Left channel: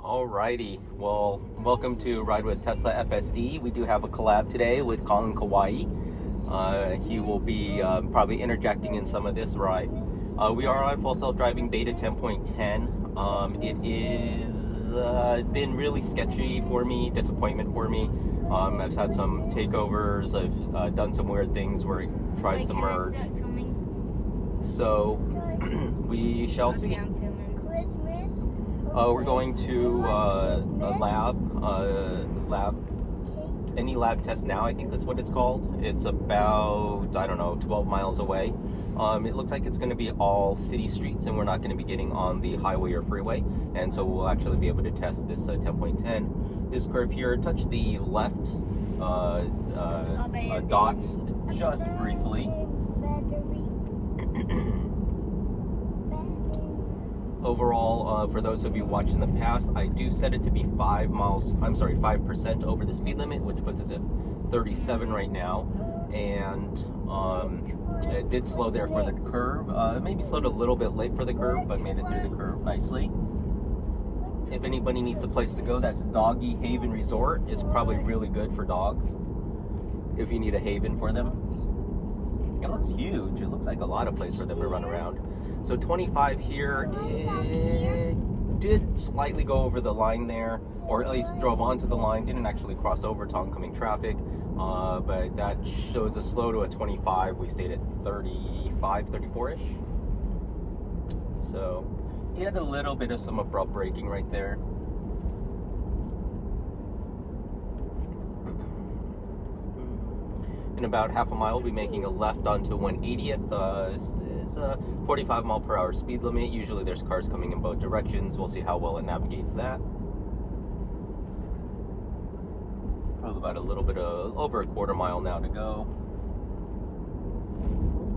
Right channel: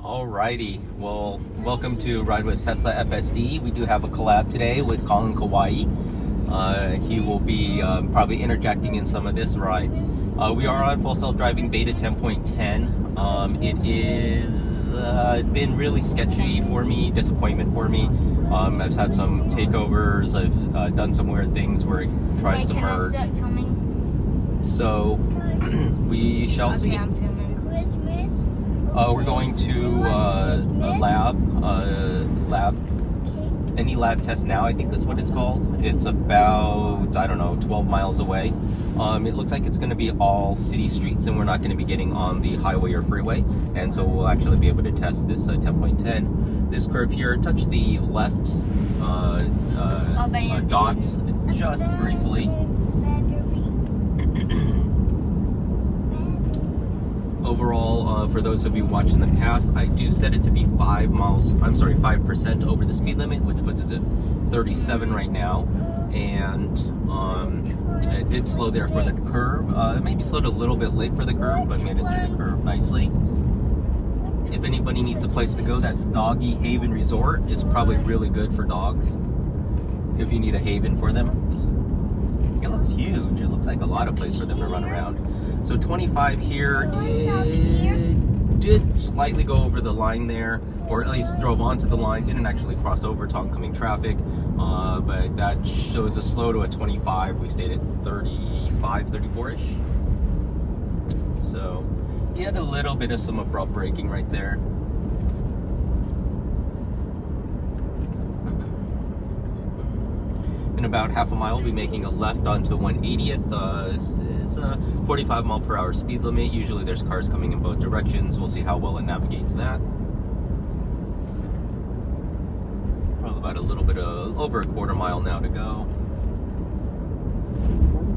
Alrighty, well, welcome to Ride with Tesla FSD. We do have a collab today with Colin Kauai. He will be probably interjecting in some of this ride. We are on full self-driving beta 10.10. It is been really sketchy for me, disappointment for me. I've had some takeovers, I've done some weird things where it tries to merge. So we shall see. We're going to a lab, any lab test now, I think that's what it's called. It's about, I don't know, 12 miles away. It looks like it's going to be all city streets, and we're not going to be getting on the highway or freeway, and so we'll actually be able to test this 10.10. This curve here, touch the left dots just briefly. Overall, for those of you watching the past, I do set it to be 5% over the speed limit, which puts us at 37 right now. And it did slow there for the curve. It maybe slowed a little bit late for the curve, but made it through the curve nicely. If anybody needs a place to go, that's Doggy Haven Resort. It's probably really good for dogs if you need a haven for them. It looks huge. It looks like a lot of place for them to run around. So 25 here, it did slightly go over the line there, or at least drove onto the line, didn't actually cross over to oncoming traffic, but that shows a slow to a 25. We stayed at 35, 34-ish. So he had a little bit of some abrupt braking right there. In about half a mile, we'll be making a left onto 180th. It's a 45 mile per hour speed limit. Usually there's cars coming in both directions. We'll see how well it navigates that. Probably about a little bit of over a quarter mile now to go.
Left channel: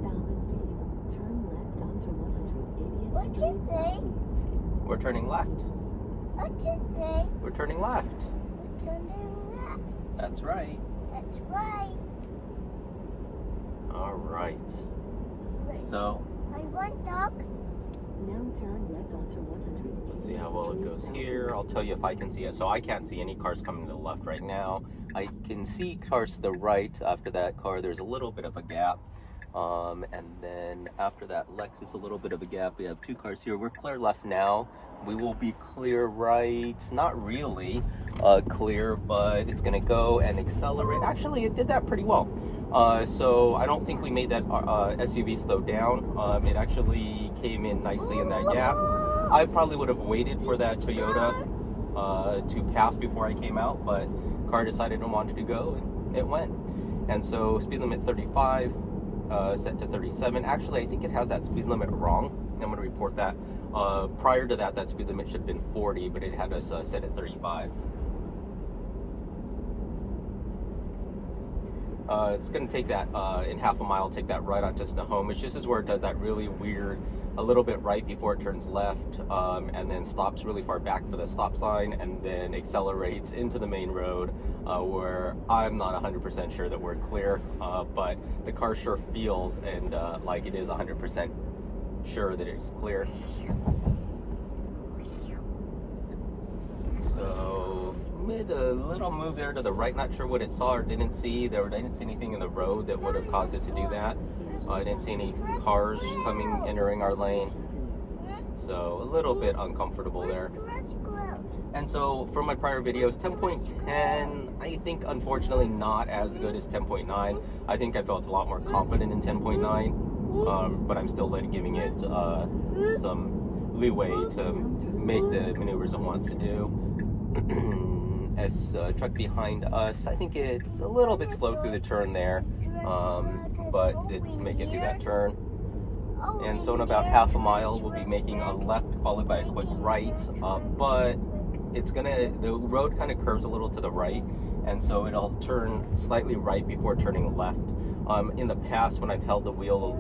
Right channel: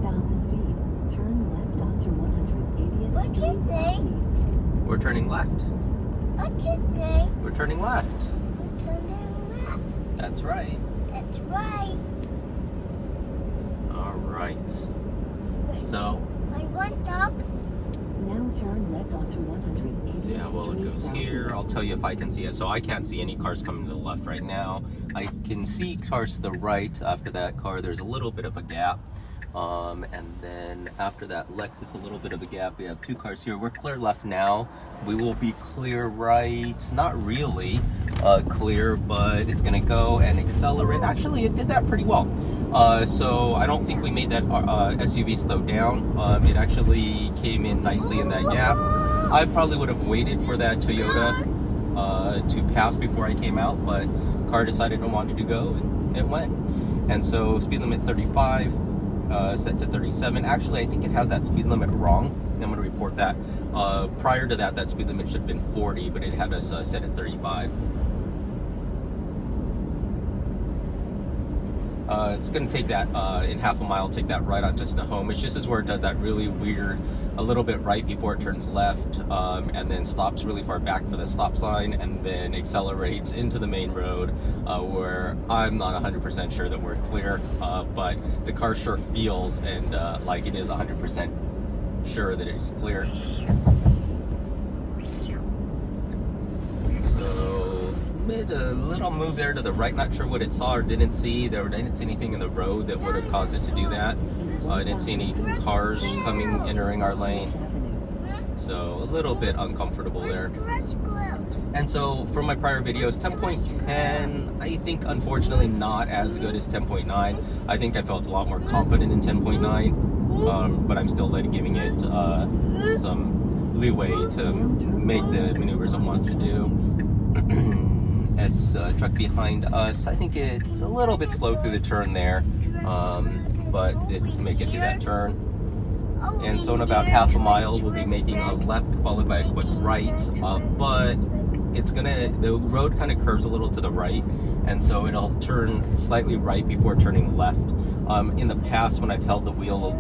1,000 feet, turn left onto 180th Street Southeast. We're turning left. What'd you say? We're turning left. Turning left. That's right. That's right. All right. So, I want dog. Now turn left onto 180th see how well it goes here. I'll tell you if I can see it. So I can't see any cars coming to the left right now. I can see cars to the right. After that car, there's a little bit of a gap. And then after that Lexus, a little bit of a gap. We have two cars here. We're clear left now. We will be clear right. Not really clear, but it's going to go and accelerate. Actually, it did that pretty well. So I don't think we made that SUV slow down. It actually came in nicely in that gap. I probably would have waited for that Toyota to pass before I came out, but car decided it wanted to go, and it went. And so speed limit 35, set to 37. Actually, I think it has that speed limit wrong. I'm going to report that. Prior to that, that speed limit should have been 40, but it had us set at 35. It's going to take that in half a mile, take that right onto Snohomish. This is where it does that really weird, a little bit right before it turns left, and then stops really far back for the stop sign, and then accelerates into the main road, where I'm not 100% sure that we're clear, but the car sure feels and like it is 100% sure that it's clear. Made a little move there to the right. Not sure what it saw or didn't see. I didn't see anything in the road that would have caused it to do that. I didn't see any cars entering our lane. So a little bit uncomfortable there. And so from my prior videos, 10.10, I think unfortunately not as good as 10.9. I think I felt a lot more confident in 10.9, but I'm still giving it some leeway to make the maneuvers it wants to do. Truck behind us, I think it's a little bit slow through the turn there, but it make it do that turn. And so in about half a mile, we'll be making a left followed by a quick right, but the road kind of curves a little to the right, and so it'll turn slightly right before turning left. In the past, when I've held the wheel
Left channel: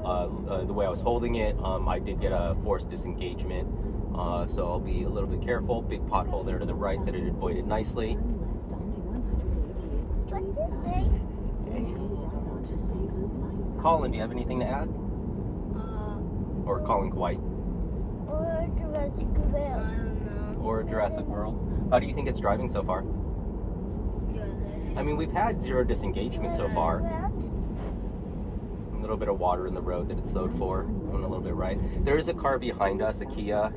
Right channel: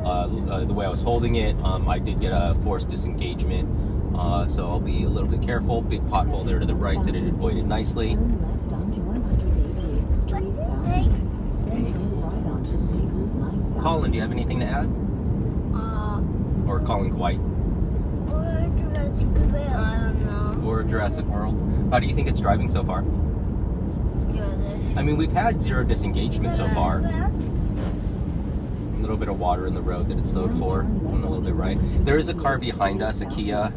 the way I was holding it, I did get a forced disengagement. So I'll be a little bit careful. Big pothole there to the right that it avoided nicely. Turn left onto 188th Street Southeast. Then turn right onto State Route 9 Southeast. Colin, do you have anything to add? Or Colin Kauai? Or Jurassic World. I don't know. Or Jurassic World. How do you think it's driving so far? Good. I mean, we've had 0 disengagement so far. World. A little bit of water in the road that it slowed for, and a little bit right. There is a car behind us, a Kia,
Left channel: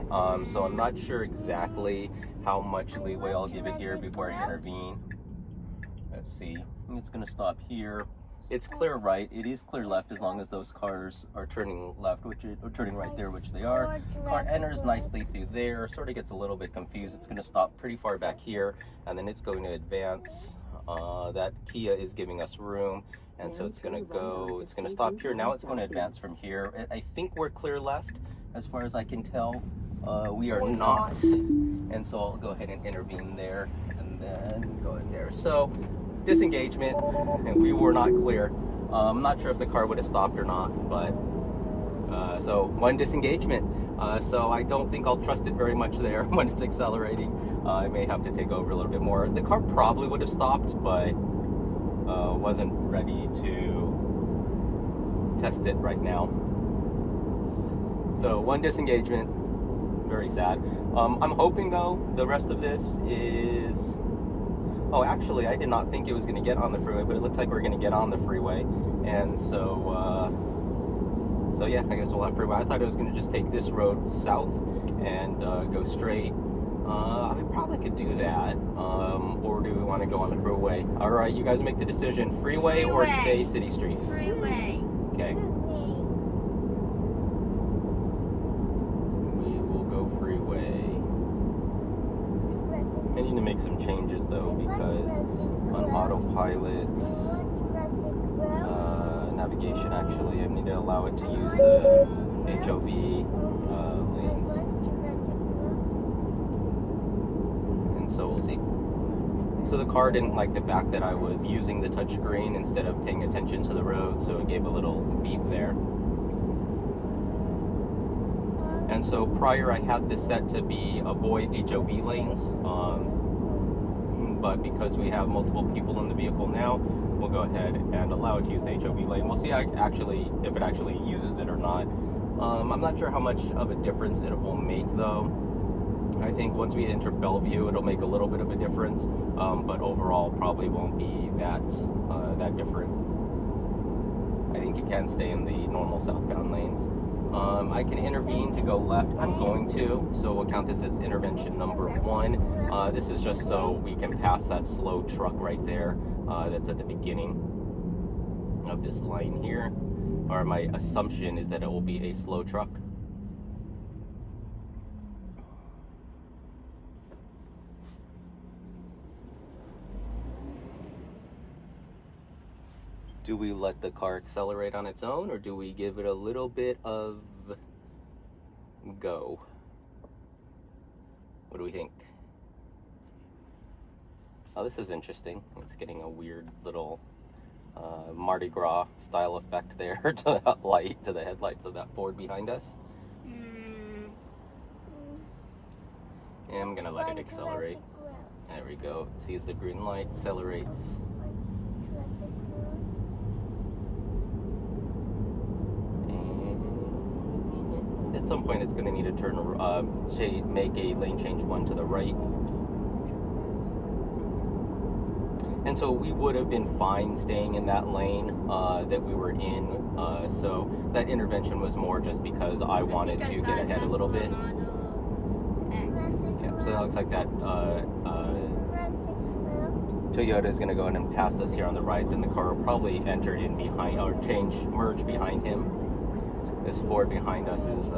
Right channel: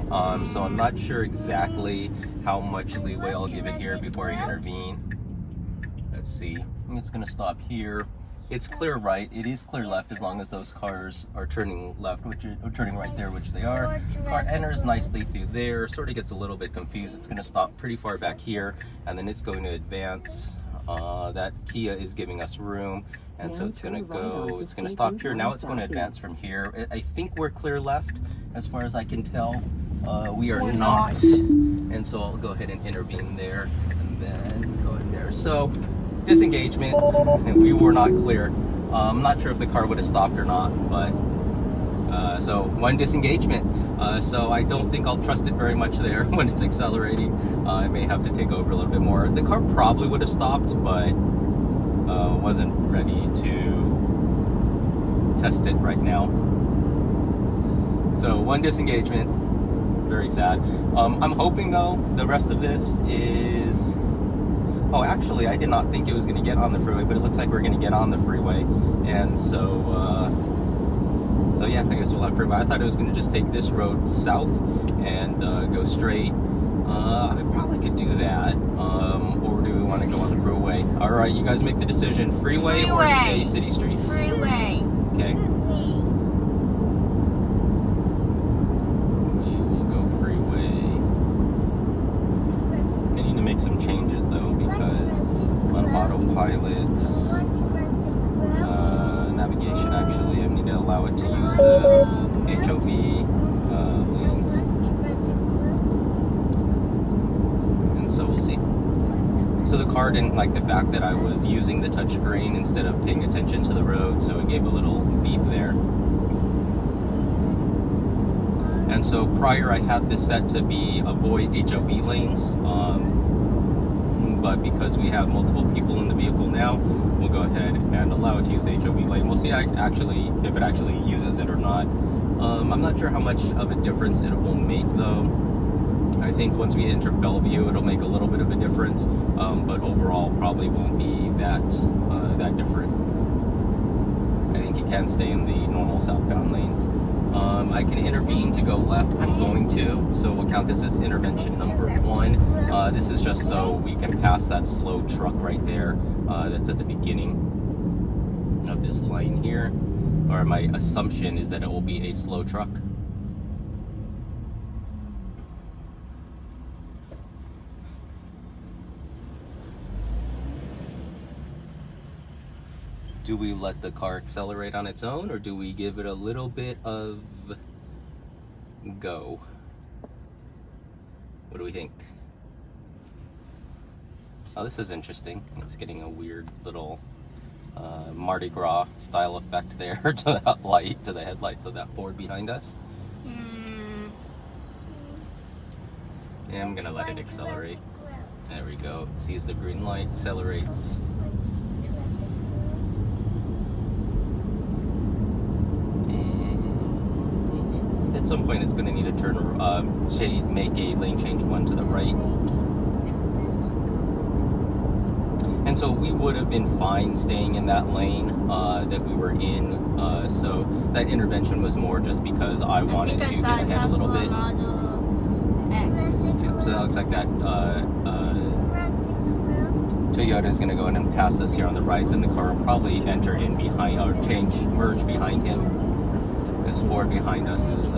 so I'm not sure exactly how much leeway I'll give it here before I intervene. Let's see. I think it's going to stop here. It's clear right. It is clear left as long as those cars are turning left, or turning right there, which they are. Car enters nicely through there. Sort of gets a little bit confused. It's going to stop pretty far back here, and then it's going to advance. That Kia is giving us room, and so it's going to go. It's going to stop here. Now it's going to advance from here. I think we're clear left, as far as I can tell. We are not, and so I'll go ahead and intervene there, and then go in there. So. Disengagement, and we were not cleared. I'm not sure if the car would have stopped or not, but so 1 disengagement. So I don't think I'll trust it very much there when it's accelerating. I may have to take over a little bit more. The car probably would have stopped, but wasn't ready to test it right now. So 1 disengagement, very sad. I'm hoping though the rest of this is. Oh, actually, I did not think it was going to get on the freeway, but it looks like we're going to get on the freeway. And so yeah, I guess we'll have freeway. I thought it was going to just take this road south and go straight. I probably could do that. Or do we want to go on the freeway? All right, you guys make the decision. Freeway or stay city streets? Freeway. Okay. We will go freeway. I need to make some changes though, because on autopilot, navigation actually, I need to allow it to use the HOV lanes, and so we'll see. So the car didn't like the fact that I was using the touchscreen instead of paying attention to the road, so it gave a little beep there. And so prior I had this set to be avoid HOV lanes, but because we have multiple people in the vehicle now, we'll go ahead and allow it to use the HOV lane. We'll see actually if it actually uses it or not. I'm not sure how much of a difference it will make though. I think once we enter Bellevue, it'll make a little bit of a difference, but overall probably won't be that different. I think you can stay in the normal southbound lanes. I can intervene to go left. I'm going to, so we'll count this as intervention number 1. This is just so we can pass that slow truck right there that's at the beginning of this line here. Or my assumption is that it will be a slow truck. Do we let the car accelerate on its own, or do we give it a little bit of go? What do we think? Oh, this is interesting. It's getting a weird little Mardi Gras style effect there to that light, to the headlights of that Ford behind us. Yeah, I'm gonna let it accelerate. There we go. It sees the green light, accelerates. At some point it's going to need to turn, make a lane change 1 to the right. And so we would have been fine staying in that lane that we were in. So that intervention was more just because I wanted to get ahead a little bit. Yeah, so that looks like that Toyota is going to go in and pass us here on the right. Then the car will probably enter in behind, or merge behind him. This Ford behind us is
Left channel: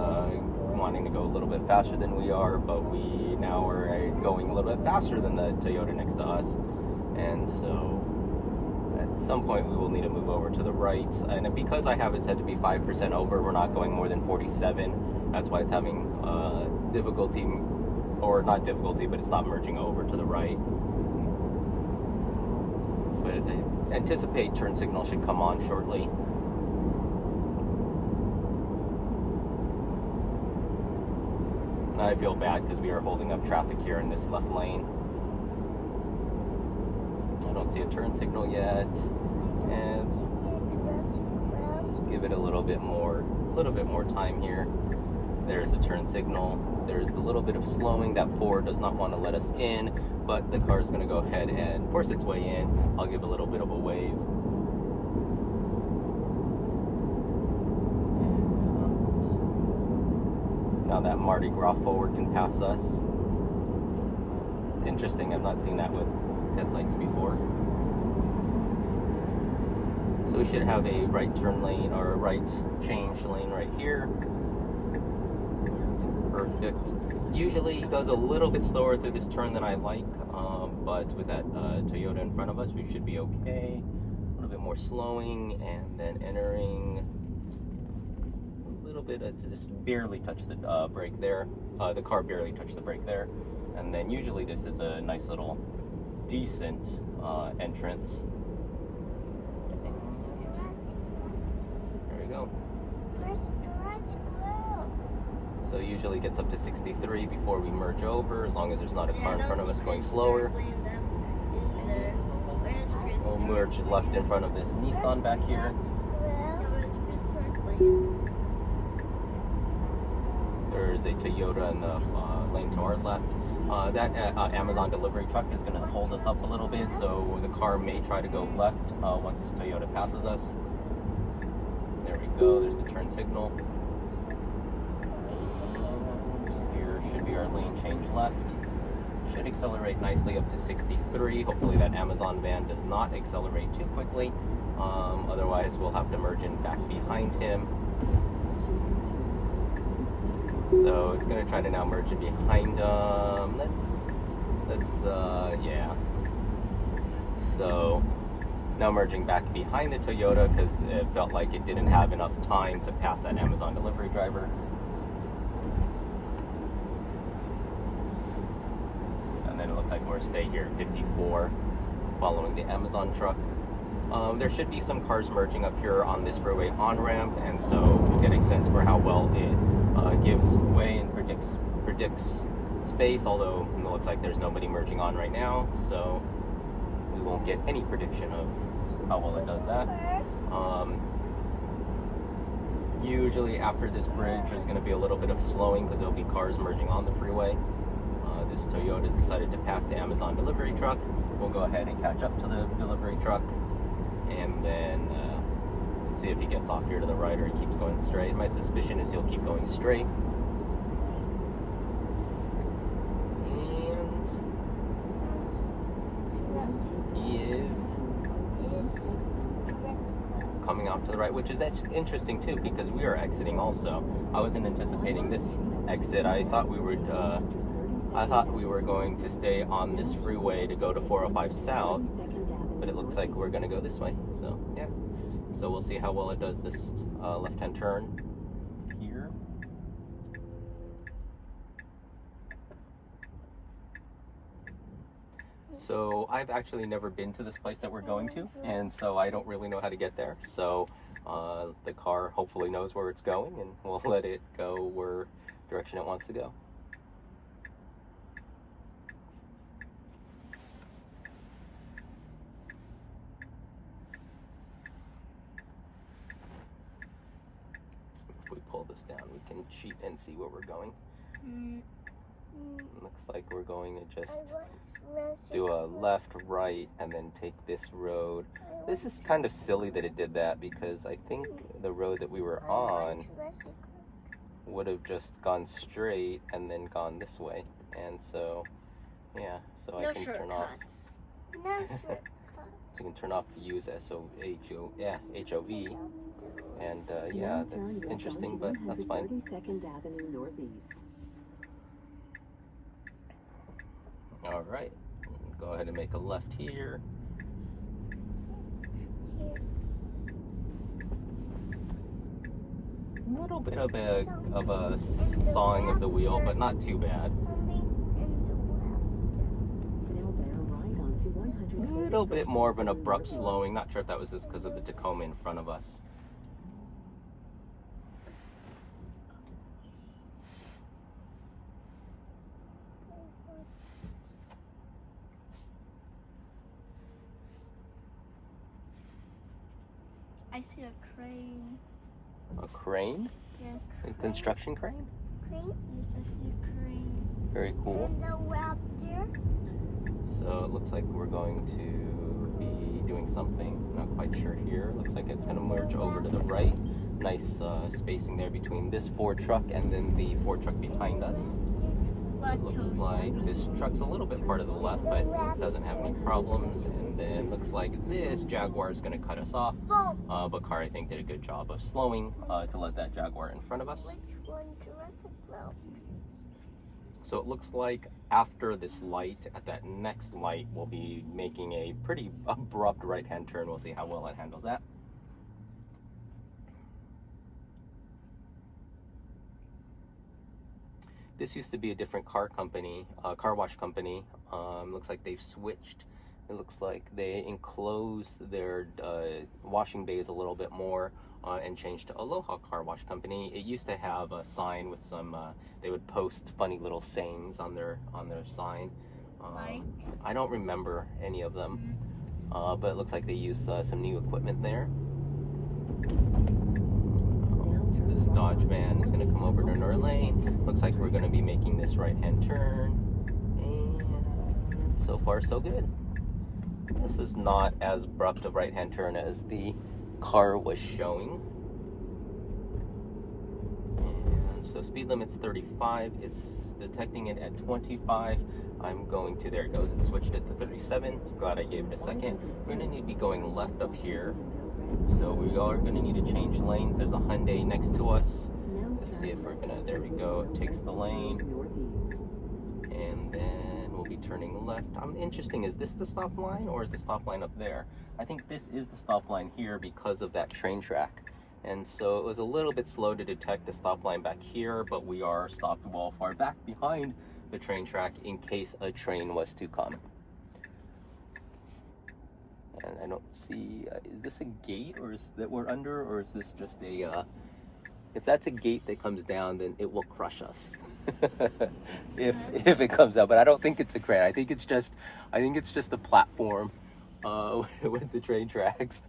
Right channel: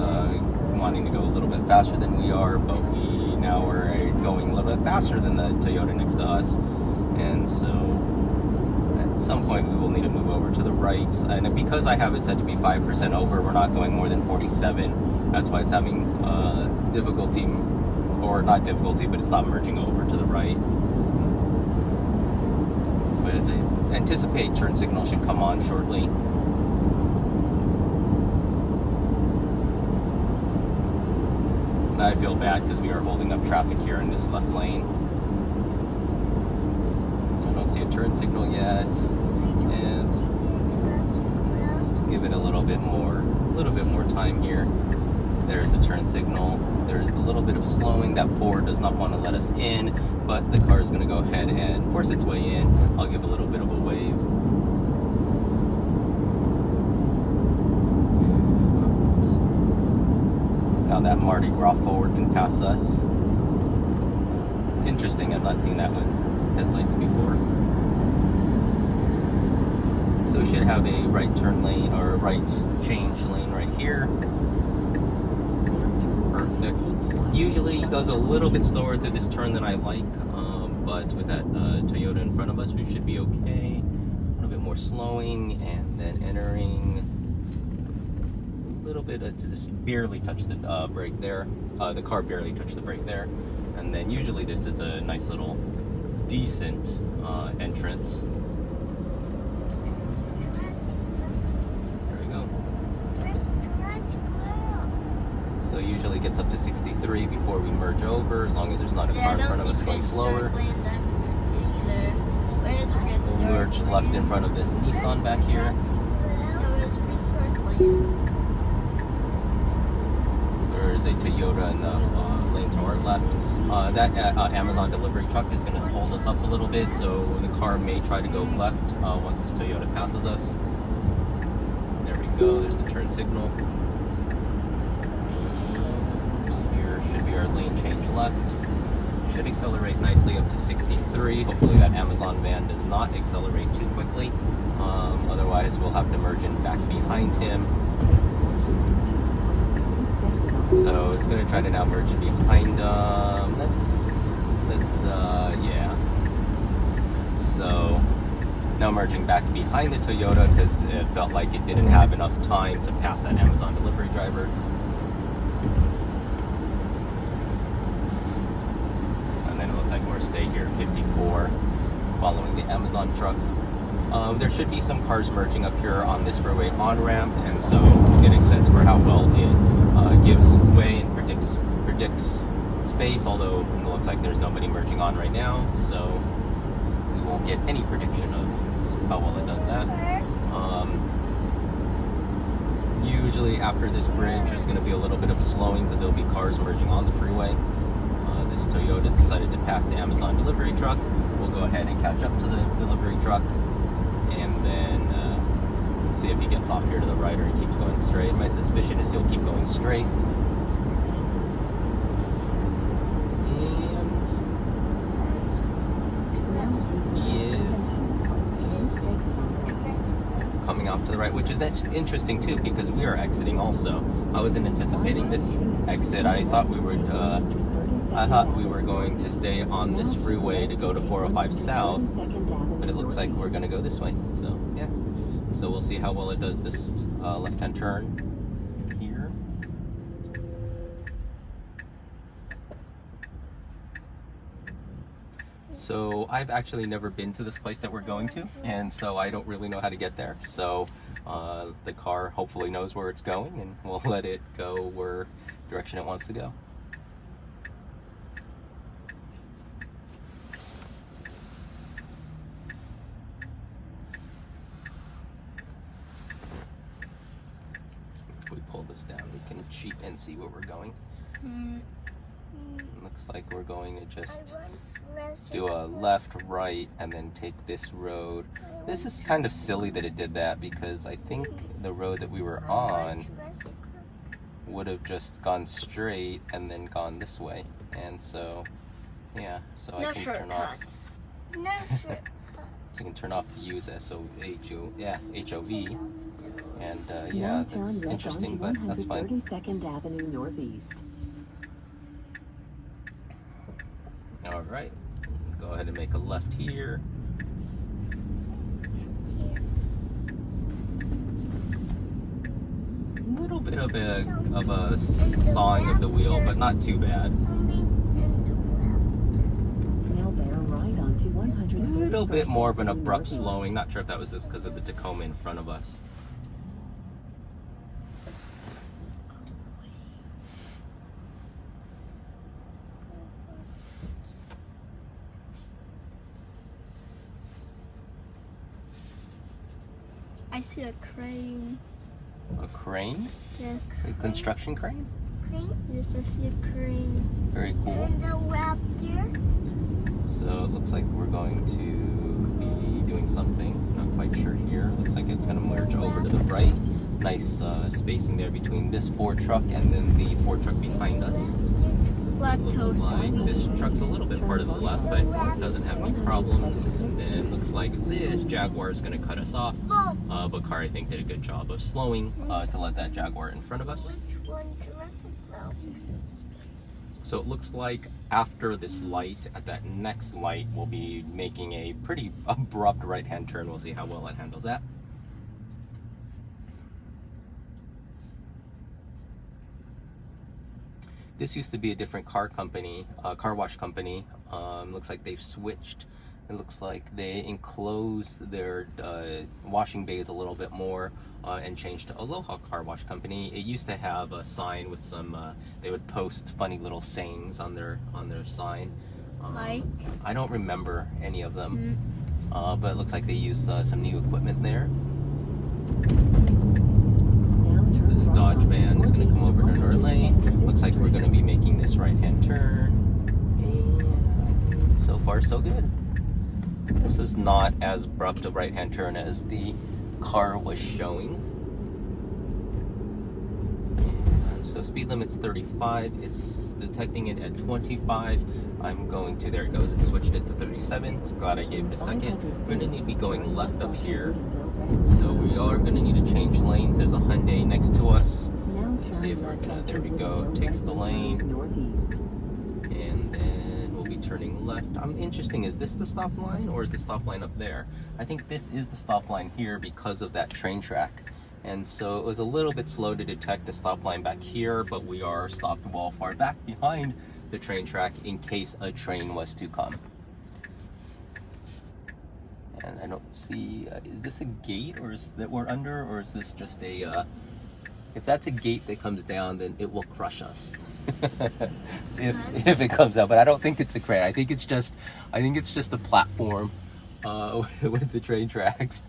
wanting to go a little bit faster than we are, but we now are going a little bit faster than the Toyota next to us. And so at some point we will need to move over to the right. And because I have it set to be 5% over, we're not going more than 47. That's why it's having difficulty, or not difficulty, but it's not merging over to the right. But I anticipate turn signal should come on shortly. I feel bad because we are holding up traffic here in this left lane. I don't see a turn signal yet, and give it a little bit more time here. There's the turn signal. There's a little bit of slowing. That Ford does not want to let us in, but the car is going to go ahead and force its way in. I'll give a little bit of a wave. Now that Mardi Gras Ford can pass us. It's interesting. I've not seen that with headlights before. So it should have a right turn lane or a right change lane right here. Perfect. Usually it goes a little bit slower through this turn than I like, but with that Toyota in front of us, we should be okay. A little bit more slowing and then entering. A little bit of just barely touch the brake there. The car barely touched the brake there. And then usually this is a nice little decent entrance. There we go. So it usually gets up to 63 before we merge over, as long as there's not a car in front of us going slower. We'll merge left in front of this Nissan back here. There's a Toyota in the lane to our left. That Amazon delivery truck is going to hold us up a little bit, so the car may try to go left once this Toyota passes us. There we go, there's the turn signal. Here should be our lane change left. Should accelerate nicely up to 63. Hopefully that Amazon van does not accelerate too quickly. Otherwise we'll have to merge in back behind him. So it's going to try to now merge in behind yeah. So now merging back behind the Toyota because it felt like it didn't have enough time to pass that Amazon delivery driver. And then it looks like we're stay here at 54 following the Amazon truck. There should be some cars merging up here on this freeway on-ramp, and so we get a sense for how well it gives way and predicts space, although it looks like there's nobody merging on right now, so we won't get any prediction of how well it does that. Usually after this bridge there's going to be a little bit of slowing because there'll be cars merging on the freeway. This Toyota's decided to pass the Amazon delivery truck. We'll go ahead and catch up to the delivery truck and then see if he gets off here to the right or he keeps going straight. My suspicion is he'll keep going straight. And he is coming off to the right, which is interesting too because we are exiting also. I wasn't anticipating this exit. I thought we were going to stay on this freeway to go to 405 South, but it looks like we're going to go this way. So yeah, so we'll see how well it does this left-hand turn here. So I've actually never been to this place that we're going to, and so I don't really know how to get there. So the car hopefully knows where it's going, and we'll let it go where direction it wants to go. If we pull this down, we can cheat and see where we're going. Looks like we're going to just do a left, right, and then take this road. This is kind of silly that it did that because I think the road that we were on would have just gone straight and then gone this way. And so, yeah, so I can turn off. No shortcuts. You can turn off the use HOV. And yeah, that's interesting, but that's fine. 32nd Avenue Northeast. All right, go ahead and make a left here. A little bit of a sawing of the wheel, but not too bad. Now bear right onto 100. A little bit more of an abrupt slowing. Not sure if that was just because of the Tacoma in front of us. I see a crane. A crane? Yes. A construction crane? crane Yes, I see a crane. Very cool. and a raptor. So it looks like we're going to be doing something. Not quite sure here. Looks like it's going to merge over to the right. Nice spacing there between this Ford truck and then the Ford truck behind us. Looks Lactose like free. this truck's a little bit far to the left, but doesn't have any problems. And then looks like this Jaguar is going to cut us off. Full. But car, I think, did a good job of slowing to let that Jaguar in front of us. Which one Jurassic World? So it looks like after this light, at that next light, we'll be making a pretty abrupt right-hand turn. We'll see how well it handles that. This used to be a different car company, car wash company. Looks like they've switched. It looks like they enclosed their washing bays a little bit more and changed to Aloha Car Wash Company. It used to have a sign with some, they would post funny little sayings on their sign. Like? I don't remember any of them, but it looks like they use some new equipment there. This Dodge van is going to come over to our lane. Looks like we're going to be making this right-hand turn. And so far, so good. This is not as abrupt a right-hand turn as the car was showing. And so speed limit's 35. It's detecting it at 25. I'm going to, there it goes, it switched it to 37. Glad I gave it a second. We're going to need to be going left up here. So we are going to need to change lanes. There's a Hyundai next to us. Let's see if we're going to, there we go, takes the lane. And then we'll be turning left. Interesting, is this the stop line or is the stop line up there? I think this is the stop line here because of that train track. And so it was a little bit slow to detect the stop line back here, but we are stopped well far back behind the train track in case a train was to come. And I don't see, is this a gate or is that we're under, or is this just a, if that's a gate that comes down, then it will crush us. if it comes out, but I don't think it's a crane. I think it's just a platform with the train tracks.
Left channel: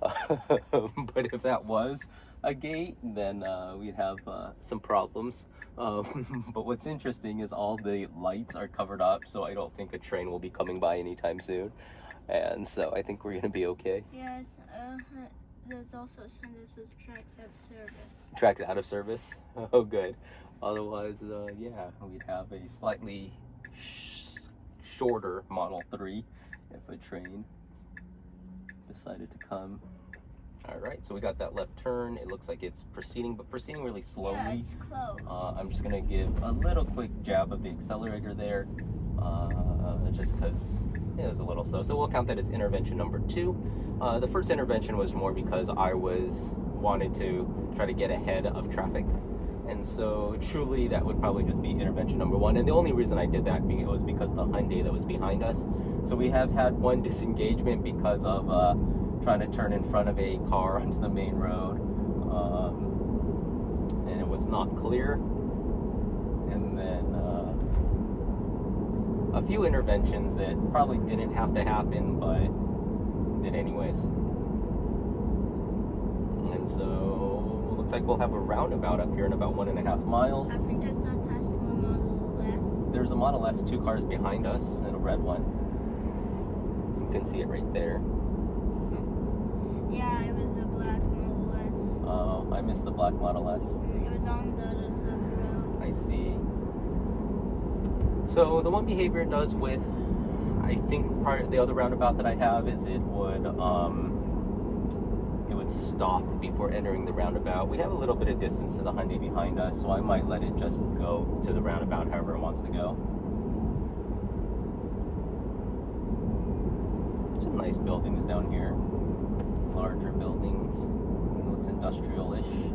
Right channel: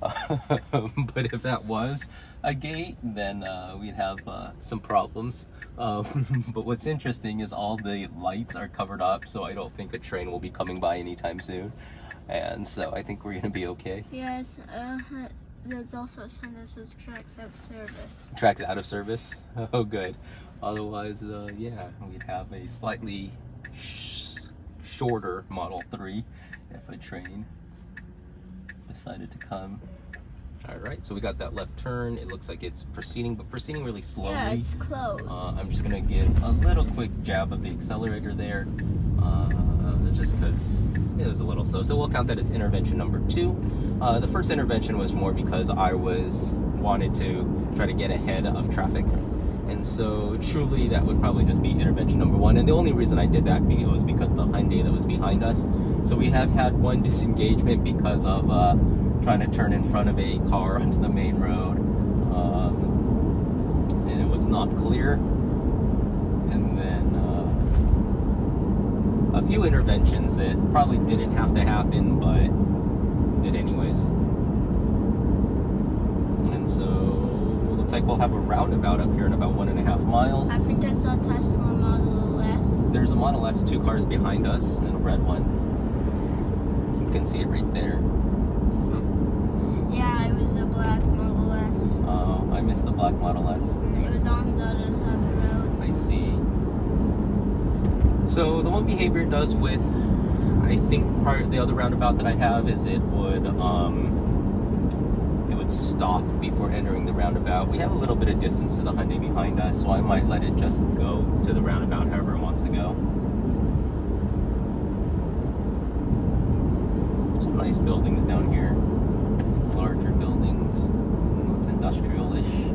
But if that was a gate, then we'd have some problems. But what's interesting is all the lights are covered up, so I don't think a train will be coming by anytime soon. And so I think we're gonna be okay. Yes, there's also a sign that says tracks out of service. Tracks out of service? Oh, good. Otherwise, yeah, we'd have a slightly shorter Model 3 if a train decided to come. All right, so we got that left turn. It looks like it's proceeding, but proceeding really slowly. Yeah, it's closed. I'm just gonna give a little quick jab of the accelerator there, just because it was a little slow. So we'll count that as intervention number 2. The first intervention was more because I wanted to try to get ahead of traffic. And so truly that would probably just be intervention number 1. And the only reason I did that was because of the Hyundai that was behind us. So we have had one disengagement because of trying to turn in front of a car onto the main road. And it was not clear. And then a few interventions that probably didn't have to happen, but did anyways. And so looks like we'll have a roundabout up here in about 1.5 miles. I think that's a Tesla Model S. There's a Model S, 2 cars behind us, and a red one. You can see it right there. Yeah, it was a black Model S. Oh, I missed the black Model S. It was on the other side of the road. I see. So the one behavior it does with, I think part of the other roundabout that I have is it would stop before entering the roundabout. We have a little bit of distance to the Hyundai behind us, so I might let it just go to the roundabout however it wants to go. Some nice buildings down here. Larger buildings. Looks industrial-ish.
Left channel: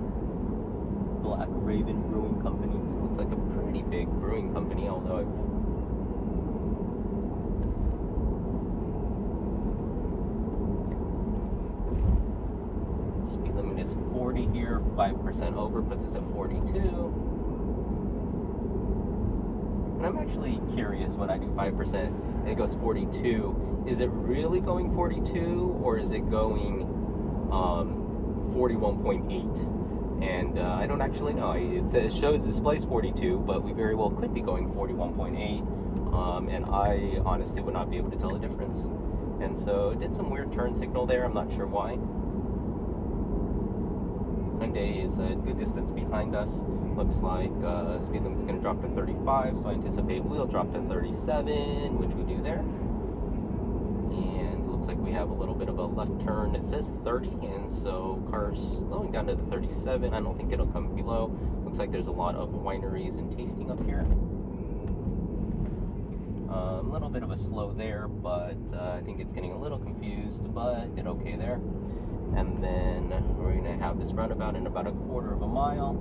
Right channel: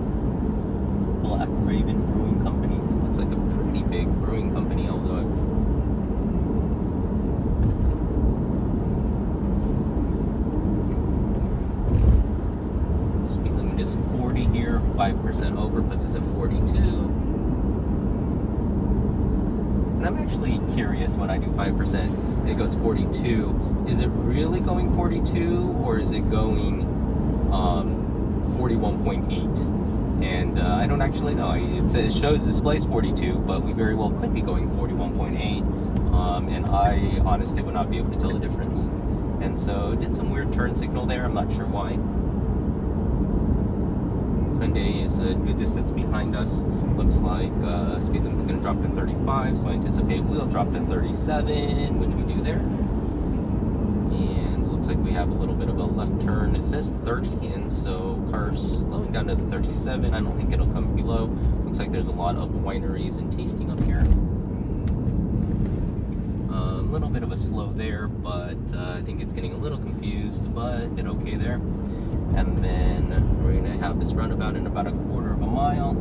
Black Raven Brewing Company. Looks like a pretty big brewing company, although speed limit is 40 here. 5% over puts us at 42. And I'm actually curious when I do 5% and it goes 42. Is it really going 42 or is it going 41.8? And I don't actually know. It shows displays 42, but we very well could be going 41.8. And I honestly would not be able to tell the difference. And so it did some weird turn signal there. I'm not sure why. Hyundai is a good distance behind us. Looks like speed limit's going to drop to 35, so I anticipate we'll drop to 37, which we do there. And looks like we have a little bit of a left turn. It says 30, and so cars slowing down to the 37. I don't think it'll come below. Looks like there's a lot of wineries and tasting up here. A little bit of a slow there, but I think it's getting a little confused, but did okay there. And then we're going to have this roundabout in about a quarter of a mile.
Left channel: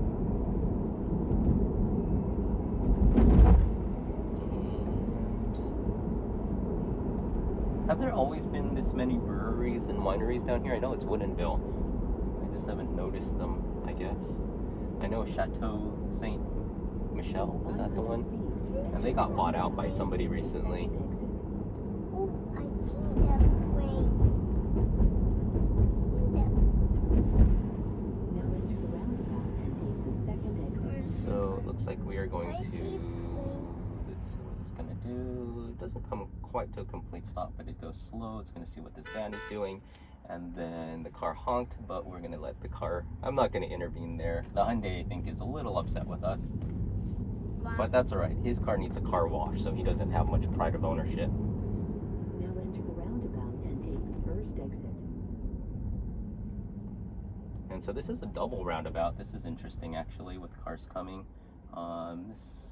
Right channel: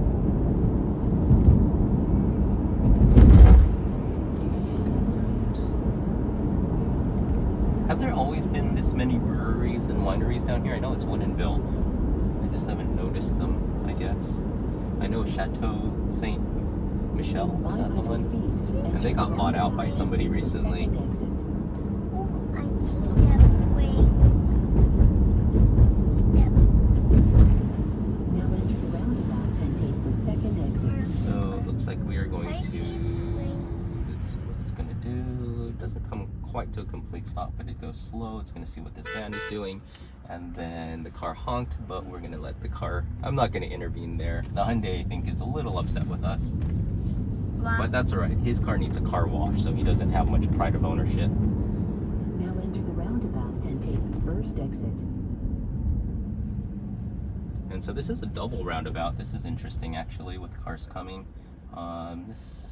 And have there always been this many breweries and wineries down here? I know it's Woodinville. I just haven't noticed them, I guess. I know Chateau Saint Michel, is that the one? And they got bought out by somebody recently. Oh, I see them. Wait. See them. Now enter the roundabout and take the second exit. So it looks like we are going I to, see. Wait. it's going to do, it doesn't come quite to a complete stop, but it goes slow. It's going to see what this van is doing. And then the car honked, but we're going to let the car, I'm not going to intervene there. The Hyundai, I think, is a little upset with us. But that's all right. His car needs a car wash, so he doesn't have much pride of ownership. Now enter the roundabout and take the first exit. And so this is a double roundabout. This is interesting, actually, with cars coming.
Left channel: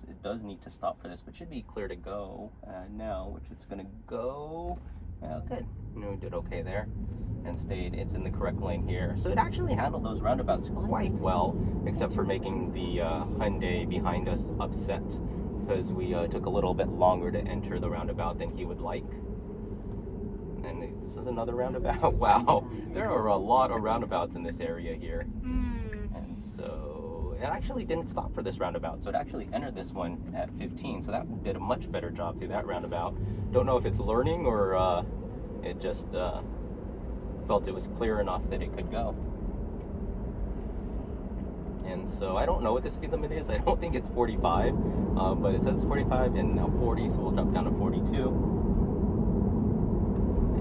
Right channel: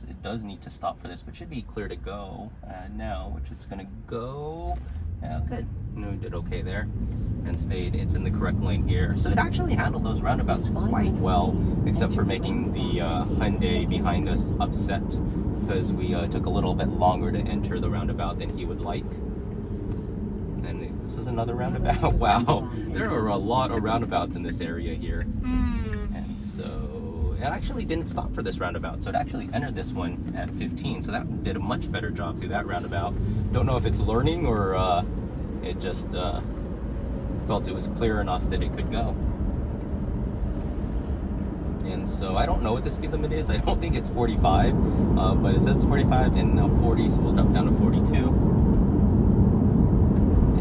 It does need to stop for this, but should be clear to go now, which it's going to go. Yeah, good. No, we did okay there and stayed. It's in the correct lane here. So it actually handled those roundabouts quite well, except for making the Hyundai behind us upset because we took a little bit longer to enter the roundabout than he would like. And this is another roundabout. Wow, there are a lot of roundabouts in this area here. And so it actually didn't stop for this roundabout, so it actually entered this one at 15, so that did a much better job through that roundabout. Don't know if it's learning or it just felt it was clear enough that it could go. And so I don't know what the speed limit is. I don't think it's 45, but it says 45 and now 40, so we'll drop down to 42.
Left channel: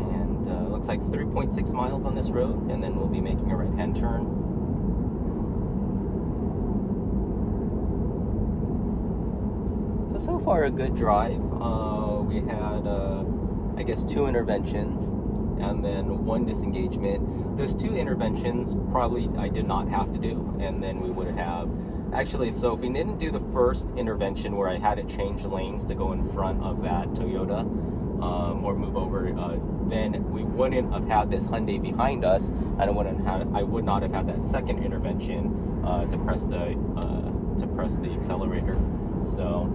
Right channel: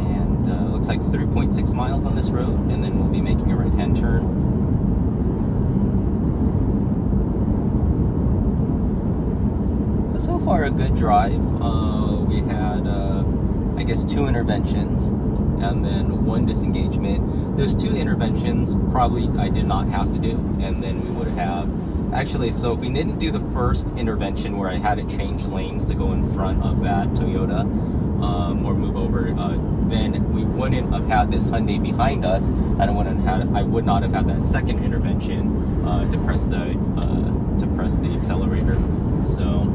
And looks like 3.6 miles on this road, and then we'll be making a right-hand turn. So far a good drive. We had, I guess, 2 interventions and then 1 disengagement. Those 2 interventions probably I did not have to do, and then we would have actually, so if we didn't do the first intervention where I had to change lanes to go in front of that Toyota or move over, then we wouldn't have had this Hyundai behind us, and I would not have had that second intervention to press the accelerator. So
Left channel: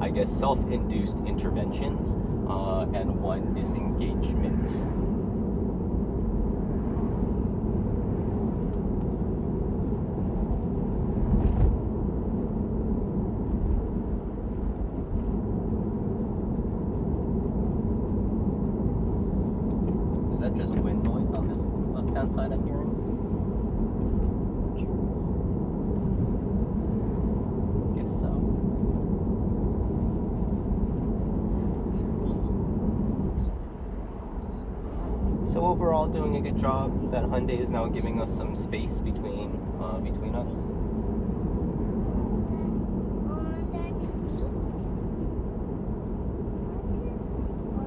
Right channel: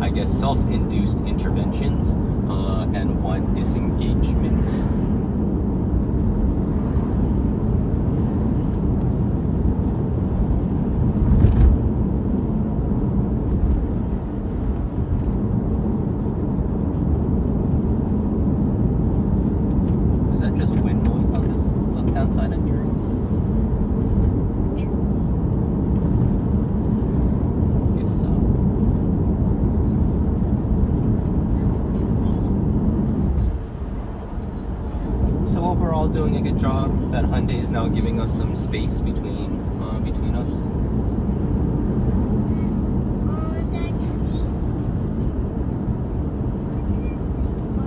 I guess self-induced interventions and 1 disengagement. Is that just wind noise on this left-hand side of your room? Guess so. So overall, doing a good job. That Hyundai is now giving us some space between us. On the tree. I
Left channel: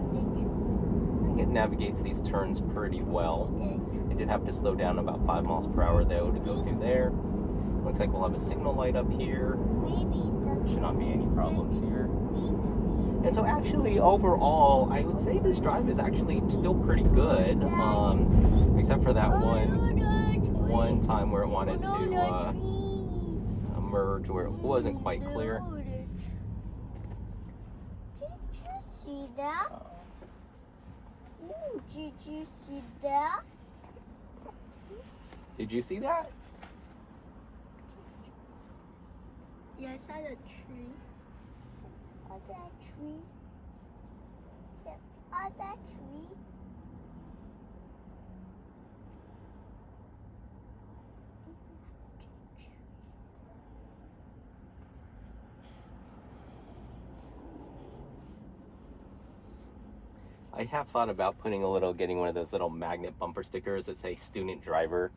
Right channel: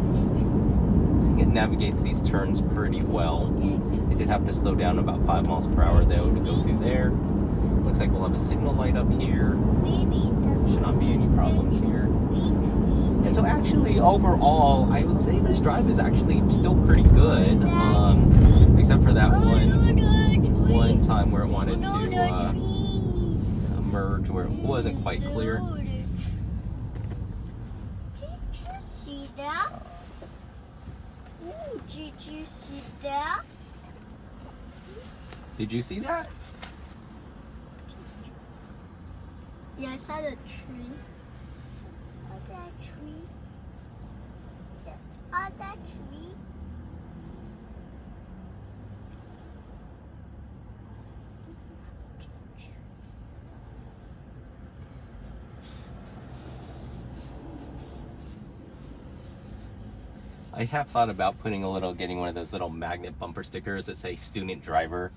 think it navigates these turns pretty well. It did have to slow down about 5 miles per hour though to go through there. Looks like we'll have a signal light up here. Should not be any problems here. And so actually, overall, I would say this drive is actually still pretty good, except for that one time where it wanted to merge where it wasn't quite clear. Did you see that? Ooh, did you see that? Did you see that? Yeah, I saw the tree. Yes, on that tree. Yes, on that tree. I have thought about getting one of those little magnet bumper stickers that say student driver,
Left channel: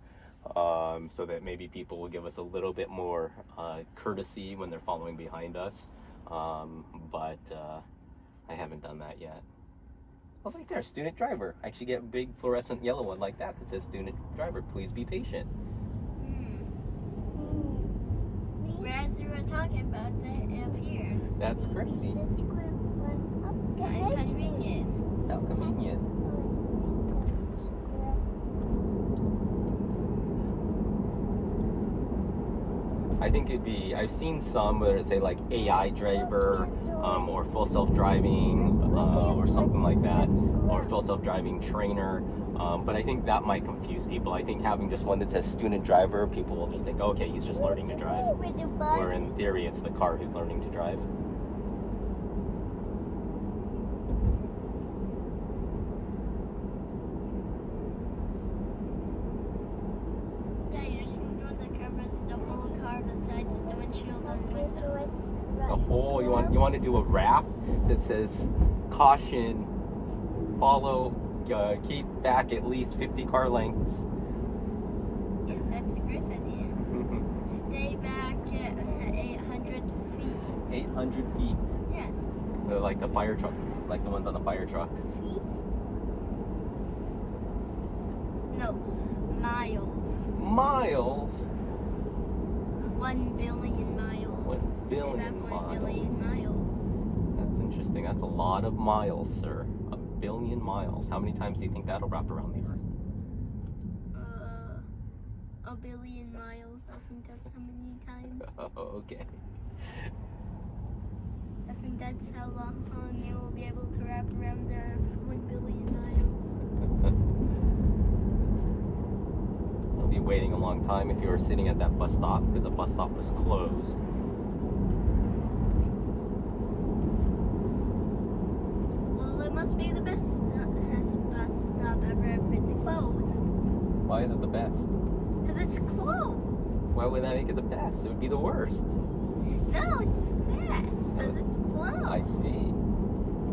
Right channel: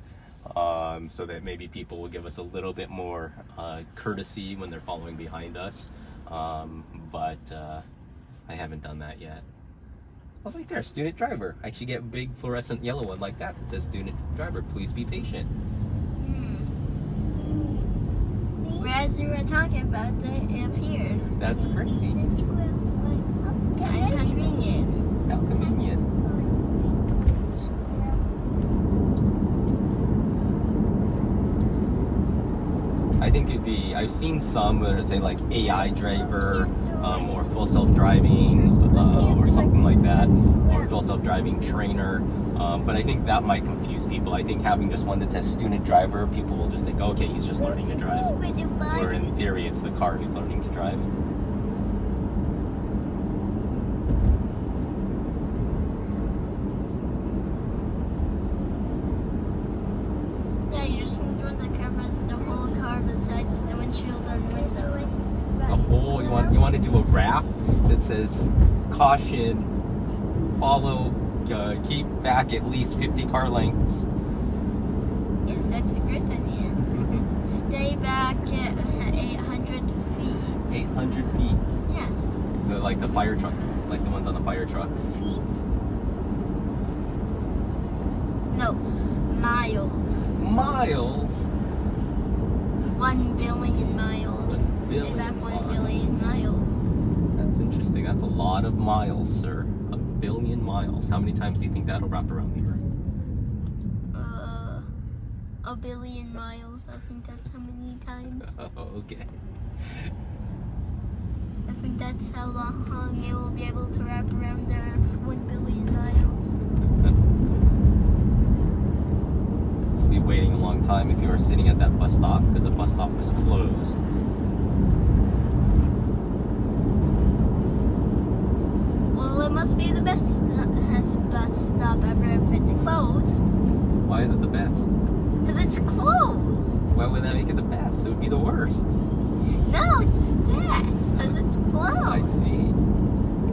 so that maybe people will give us a little bit more courtesy when they're following behind us. But I haven't done that yet. Oh, right there, student driver. I should get a big fluorescent yellow one like that. It says student driver. Please be patient. As you were talking about, they appeared. That's crazy. And convenient. How convenient. I think I've seen some where they say like AI driver, or full self-driving, or something like that, or full self-driving trainer. But I think that might confuse people. I think having just one that says student driver, people will just think, okay, he's just learning to drive. Or in theory, it's the car who's learning to drive. Yeah, you just need one that covers the whole car besides the windshield and windows. The whole, you want to do a wrap that says, caution, follow, keep back at least 50 car lengths. Yes, that's a great idea. Stay back at 800 feet. 800 feet. Yes. They're like the fire truck, like the ones on the fire truck. No, miles. Miles? 1 billion miles. 1 Stay billion back 1 miles. billion miles. That's interesting. That's a lot of miles, sir. 1 billion miles. How many times do you think that'll wrap around the Earth? 1 billion miles. I think that's how many times. Oh, okay. I think that's how long it will be able to wrap around the Earth. 1 billion miles. You'll be waiting a long time if you were sitting at that bus stop because the bus stop was closed. Well, it must be the best bus stop ever if it's closed. Why is it the best? Because it's closed. Why would that make it the best? It would be the worst. No, it's the best because it's closed. I see.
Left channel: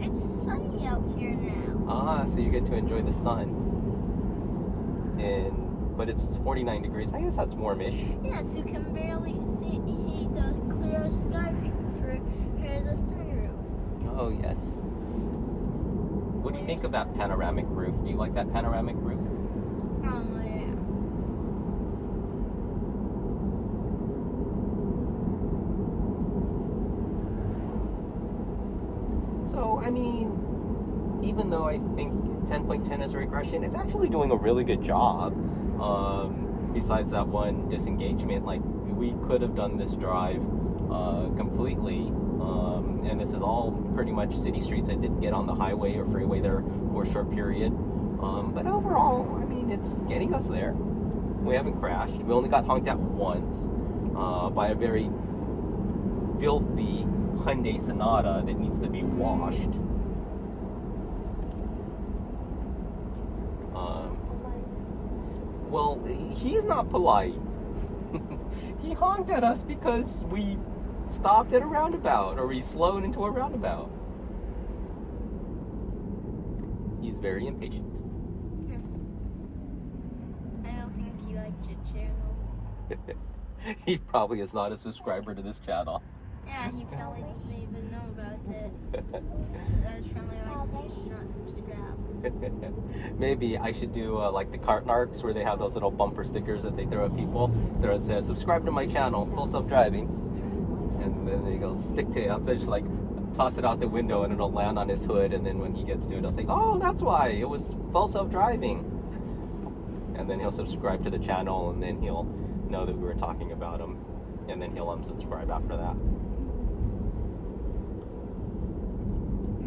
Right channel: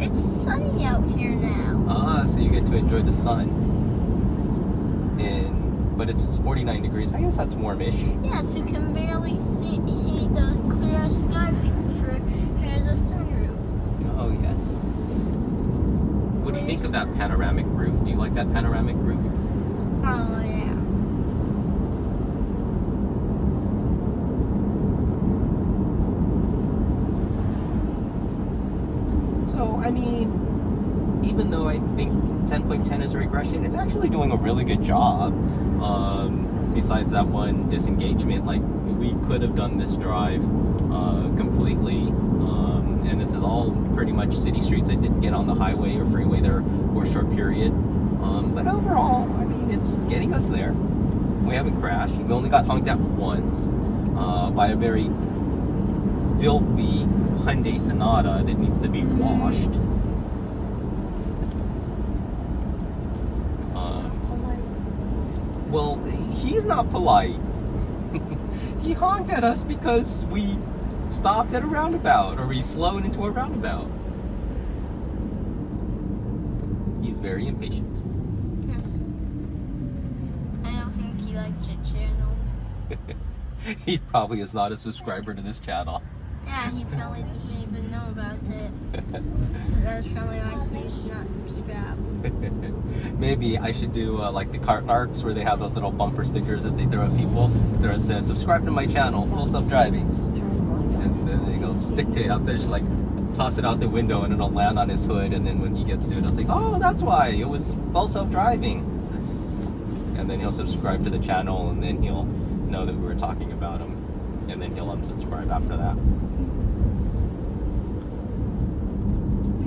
It's sunny out here now. Ah, so you get to enjoy the sun. But it's 49 degrees. I guess that's warmish. Yes, you can barely see the clear sky for the sunroof. Oh, yes. What do you think of that panoramic roof? Do you like that panoramic roof? Oh, yeah. So, I mean, even though I think 10.10 is a regression, it's actually doing a really good job. Besides that one disengagement, like, we could have done this drive completely. And this is all pretty much city streets. I didn't get on the highway or freeway there for a short period. But overall, I mean, it's getting us there. We haven't crashed. We only got honked at once by a very filthy Hyundai Sonata that needs to be washed. Well, he's not polite. He honked at us because we stopped at a roundabout, or we slowed into a roundabout. He's very impatient. Yes. I don't think he likes your channel. He probably is not a subscriber to this channel. Yeah, he probably doesn't even know about it. So that's probably why he's not subscribed. Maybe I should do like the cart narcs where they have those little bumper stickers that they throw at people. There it says, subscribe to my channel, full self-driving. And then they'll stick to it out there, just like toss it out the window and it'll land on his hood. And then when he gets to it, I'll say, oh, that's why, it was full self-driving. And then he'll subscribe to the channel and then he'll know that we were talking about him. And then he'll unsubscribe after that.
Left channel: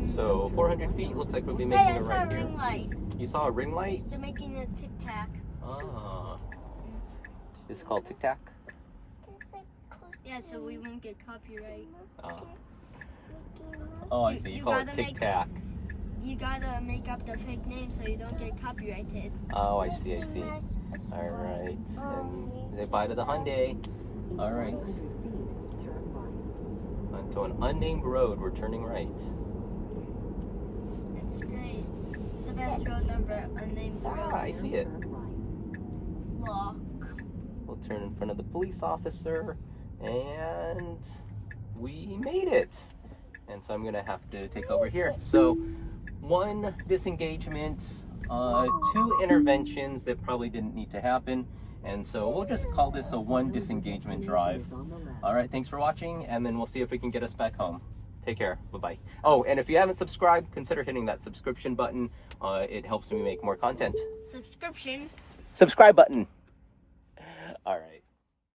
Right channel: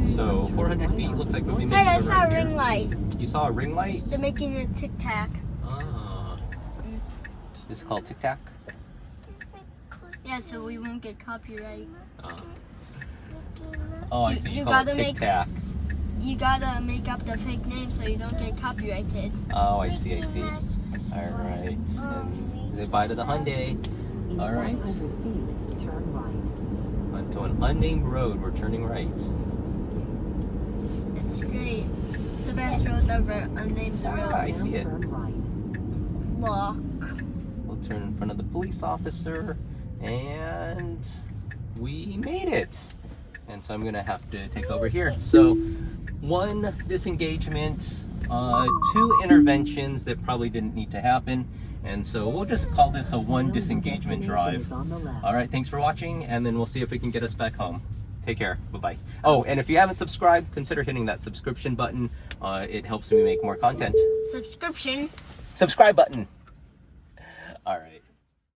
So 400 feet looks like we'll be making Hey, I it saw right a here. ring light. You saw a ring light? They're making a tic-tac. Ah. It's called Tic Tac? Yeah, so we won't get copyright. Oh, I You- see. you You call it gotta Tic make- Tac. You gotta make up the fake name so you don't get copyrighted. Oh, I see, I see. Alright. Say bye to the Hyundai. Alright. 500 feet, turn right. Onto an unnamed road, we're turning right. And It's great. The best road ever. Unnamed road. I see it. Turn right. Lock. We'll turn in front of the police officer, and we made it. And so I'm gonna have to take over here. So 1 disengagement, 2 interventions that probably didn't need to happen. And so we'll just call this a 1 disengagement drive. On the left. All right, thanks for watching, and then we'll see if we can get us back home. Take care. Bye-bye. Oh, and if you haven't subscribed, consider hitting that subscription button. It helps me make more content. Subscription. Subscribe button. All right.